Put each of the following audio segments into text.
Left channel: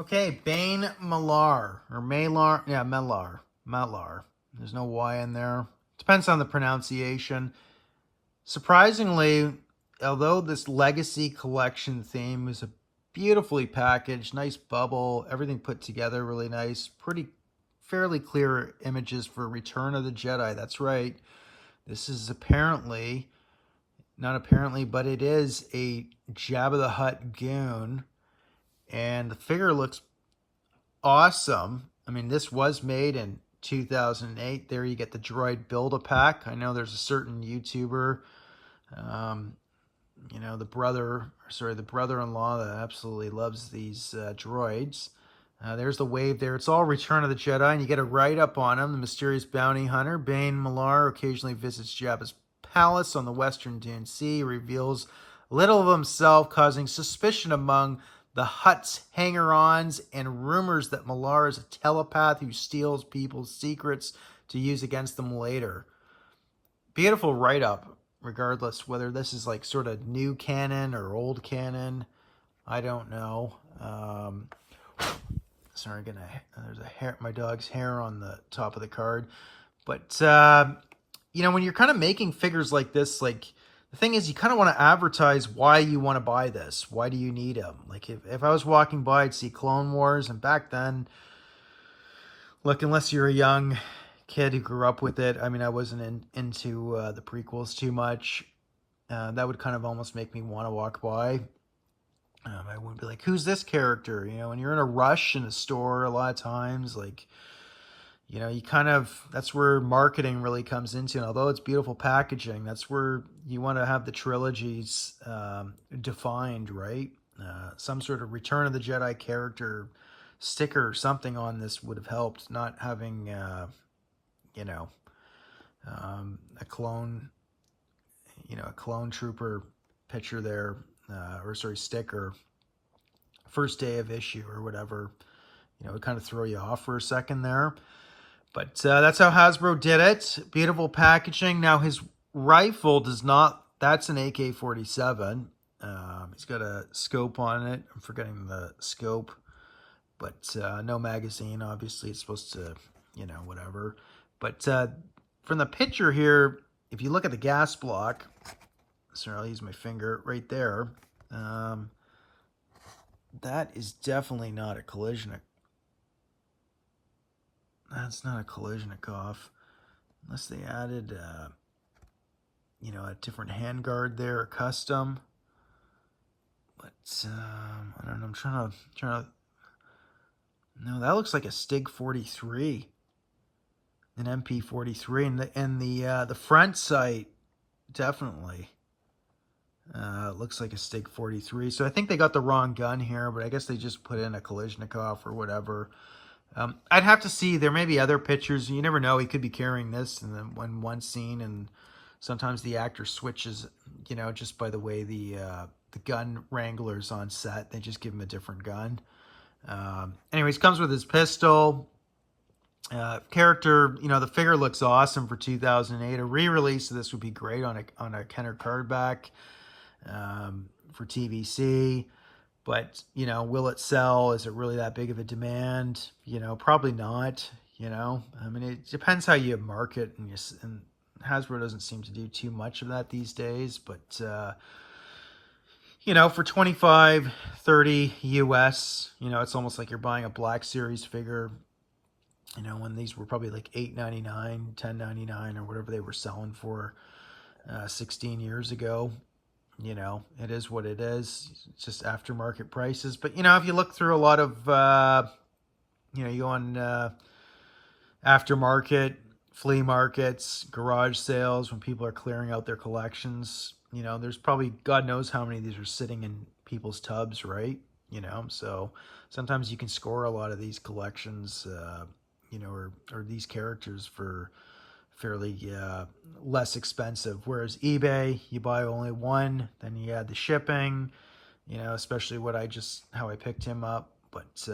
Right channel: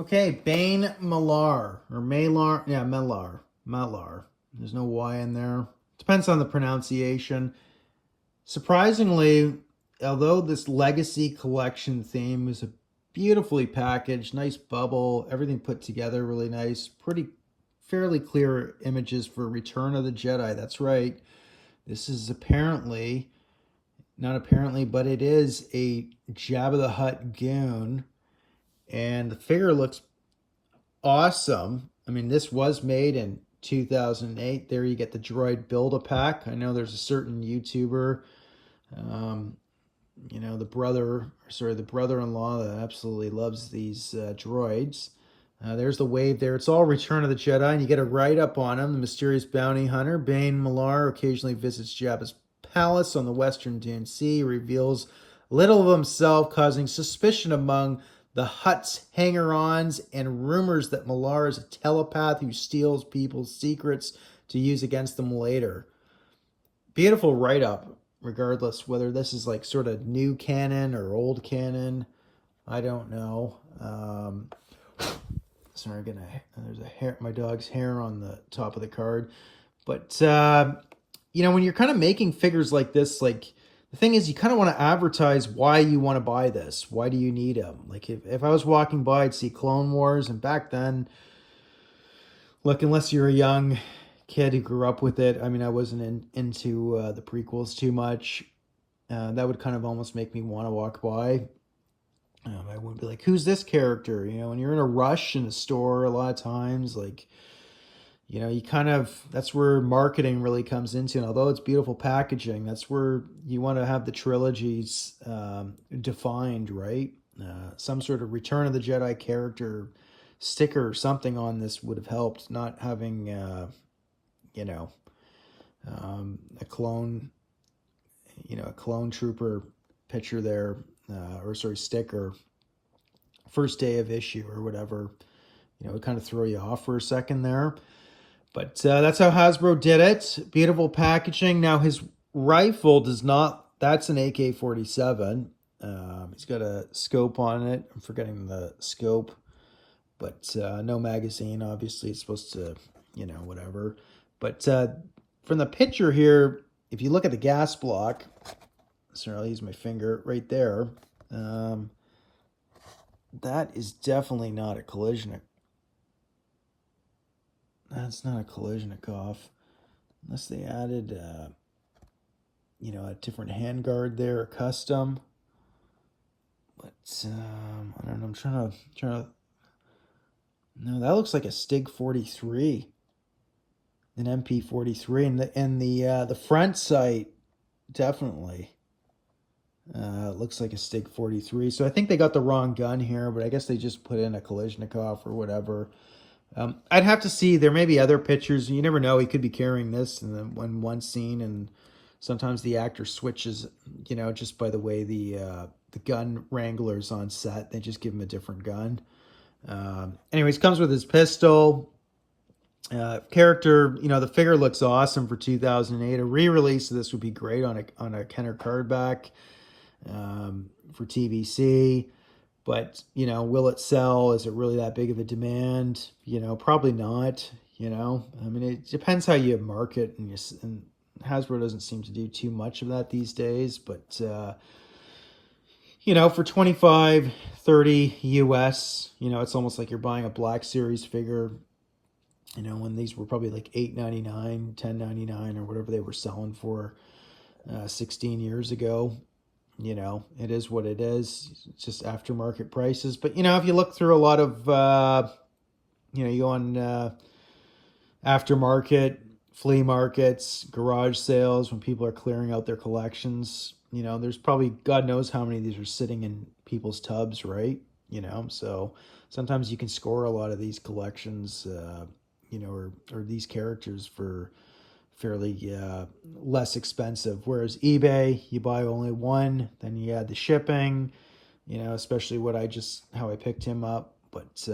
Okay, Bane Malar, or Malar, yeah, Malar, Malar. There's no Y in there. Depends on the pronunciation. Surprisingly, although this Legacy Collection theme is a beautifully packaged, nice bubble, everything put together really nice, pretty fairly clear images for Return of the Jedi. That's right. This is apparently, not apparently, but it is a Jabba the Hutt goon, and the figure looks awesome. I mean, this was made in 2008. There you get the droid Build-A-Pack. I know there's a certain YouTuber, um, the brother-in-law that absolutely loves these droids. There's the wave there. It's all Return of the Jedi, and you get a write-up on him. The mysterious bounty hunter, Bane Malar, occasionally visits Jabba's palace on the western Dune Sea. He reveals little of himself, causing suspicion among the Hutt's hanger-ons and rumors that Malar is a telepath who steals people's secrets to use against them later. Beautiful write-up, regardless whether this is like sort of new canon or old canon. I don't know. Sorry, there's a hair, my dog's hair on the top of the card. But when you're kind of making figures like this, like, the thing is, you kind of want to advertise why you want to buy this. Why do you need them? Like, if I was walking by, I'd see Clone Wars, and back then, look, unless you're a young kid who grew up with it, I mean, I wasn't into the prequels too much. That would kind of almost make me want to walk by. I wouldn't be like, who's this character? When you're in a rush in a store, a lot of times, like, you kind of, that's where marketing really comes into. And although it's beautiful packaging, that's where you want to have the trilogies defined, right? Some sort of Return of the Jedi character sticker or something on this would have helped, not having, a clone, a clone trooper picture there, sticker, first day of issue or whatever. It would kind of throw you off for a second there. But that's how Hasbro did it. Beautiful packaging. Now, his rifle does not, that's an AK-47. He's got a scope on it. I'm forgetting the scope. But no magazine, obviously. It's supposed to, whatever. But from the picture here, if you look at the gas block, sorry, I'll use my finger right there. That is definitely not a collision. That's not a Kalashnikov, unless they added, a different handguard there, a custom. But I don't know. I'm trying to. No, that looks like a Stig 43, an MP43, and the front sight definitely looks like a Stig 43. So I think they got the wrong gun here, but I guess they just put in a Kalashnikov or whatever. I'd have to see. There may be other pictures. You never know. He could be carrying this in one scene, and sometimes the actor switches. Just by the way the gun wrangler's on set, they just give him a different gun. Anyways, comes with his pistol. Character, the figure looks awesome for 2008. A re-release of this would be great on a Kenner cardback for TVC. But, will it sell? Is it really that big of a demand? Probably not, I mean, it depends how you market, and Hasbro doesn't seem to do too much of that these days. But, for 25, 30 US, it's almost like you're buying a Black Series figure, when these were probably like $8.99, $10.99, or whatever they were selling for 16 years ago. It is what it is. It's just aftermarket prices. But, if you look through a lot of, you go on aftermarket, flea markets, garage sales, when people are clearing out their collections, there's probably, God knows how many of these are sitting in people's tubs, right? So sometimes you can score a lot of these collections, or these characters for fairly less expensive. Whereas eBay, you buy only one, then you add the shipping, especially how I picked him up. But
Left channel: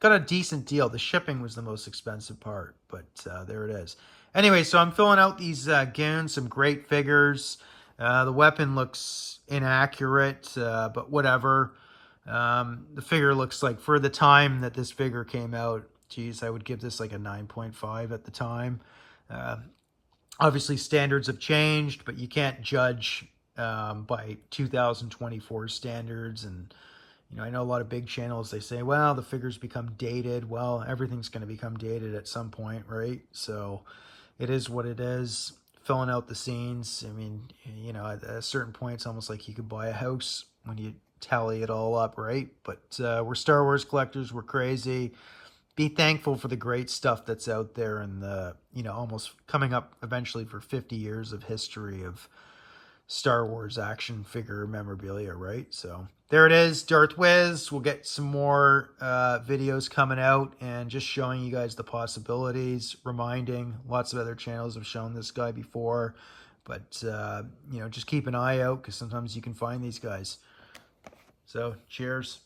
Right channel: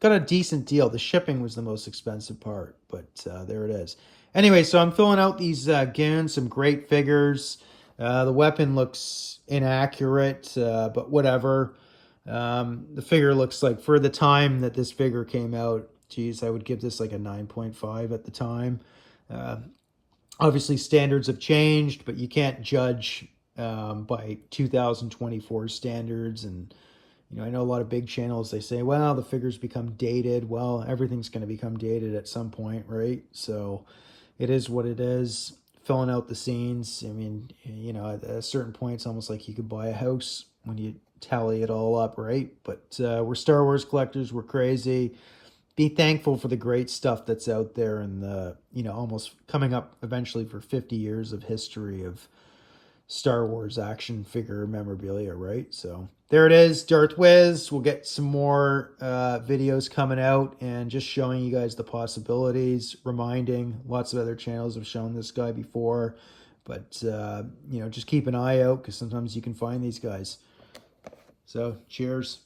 got a decent deal. The shipping was the most expensive part, but there it is. Anyway, so I'm filling out these goons, some great figures. The weapon looks inaccurate, but whatever. The figure looks like, for the time that this figure came out, geez, I would give this like a 9.5 at the time. Uh, Obviously, standards have changed, but you can't judge by 2024 standards. And I know a lot of big channels, they say, well, the figures become dated. Well, everything's going to become dated at some point, right? So it is what it is. Filling out the scenes. I mean, at a certain point, it's almost like you could buy a house when you tally it all up, right? But we're Star Wars collectors. We're crazy. Be thankful for the great stuff that's out there, and the almost coming up eventually for 50 years of history of Star Wars action figure memorabilia, right? So there it is, Darth Wiz. We'll get some more videos coming out and just showing you guys the possibilities, reminding. Lots of other channels have shown this guy before, but just keep an eye out, because sometimes you can find these guys. So cheers.